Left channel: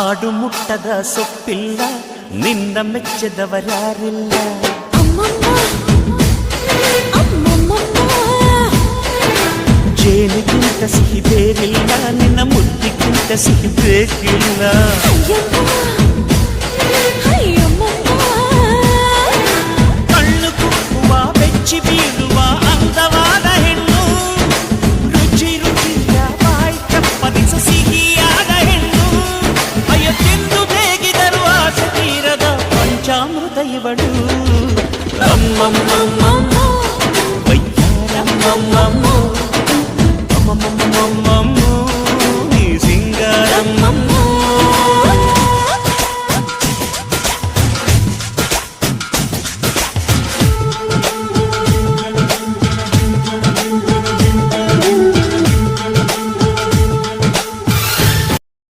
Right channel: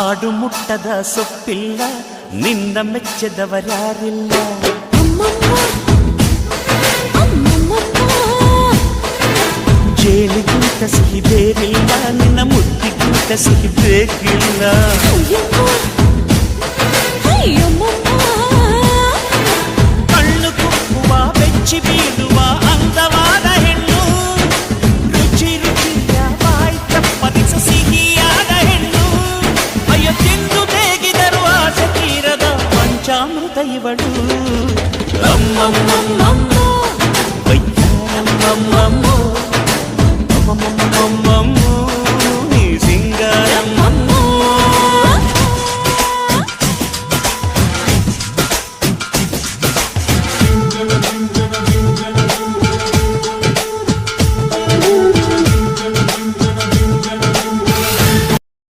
ಆಡು ಮುಟ್ಟದ ಸೊಪ್ಪಿಲ್ಲ ನಿನ್ನ ಮೆಚ್ಚದವರ್ಯಾರಿಲ್ಲ ಜೇನಿಗಿಂತ ಸಿಹಿ ಬೇರಿಲ್ಲ ನಿನ್ನ ಮುದ್ದಿಗಿಂತ ಸಿಹಿ ಬೇಕಿಲ್ಲ ಕಣ್ಣು ಕುಕ್ಕುವ ಬೆಚ್ಚಿ ಬೀಳುವ ಅಂದವಾದ ಹೆಣ್ಣು ರುಚಿ ರುಚಿಯ ಬಾಯಿ ಚಪ್ಪರಿಸ ಸಿಹಿಯಾದ ಹೆಣ್ಣು ಅಯ್ಯೋ ತಿಂದು ಬೇಗಿದರು ಆಸೆ ತೀರದ ಪಂಚಾಮೃತ ಇವಳು ಅಮ್ಮಮ್ಮಮ್ಮಮ್ಮೋ ವೈದ್ಯರಮ್ಮಮ್ಮಮ್ಮೋ ಅಮ್ಮಮ್ಮಮ್ಮಮ್ಮೋ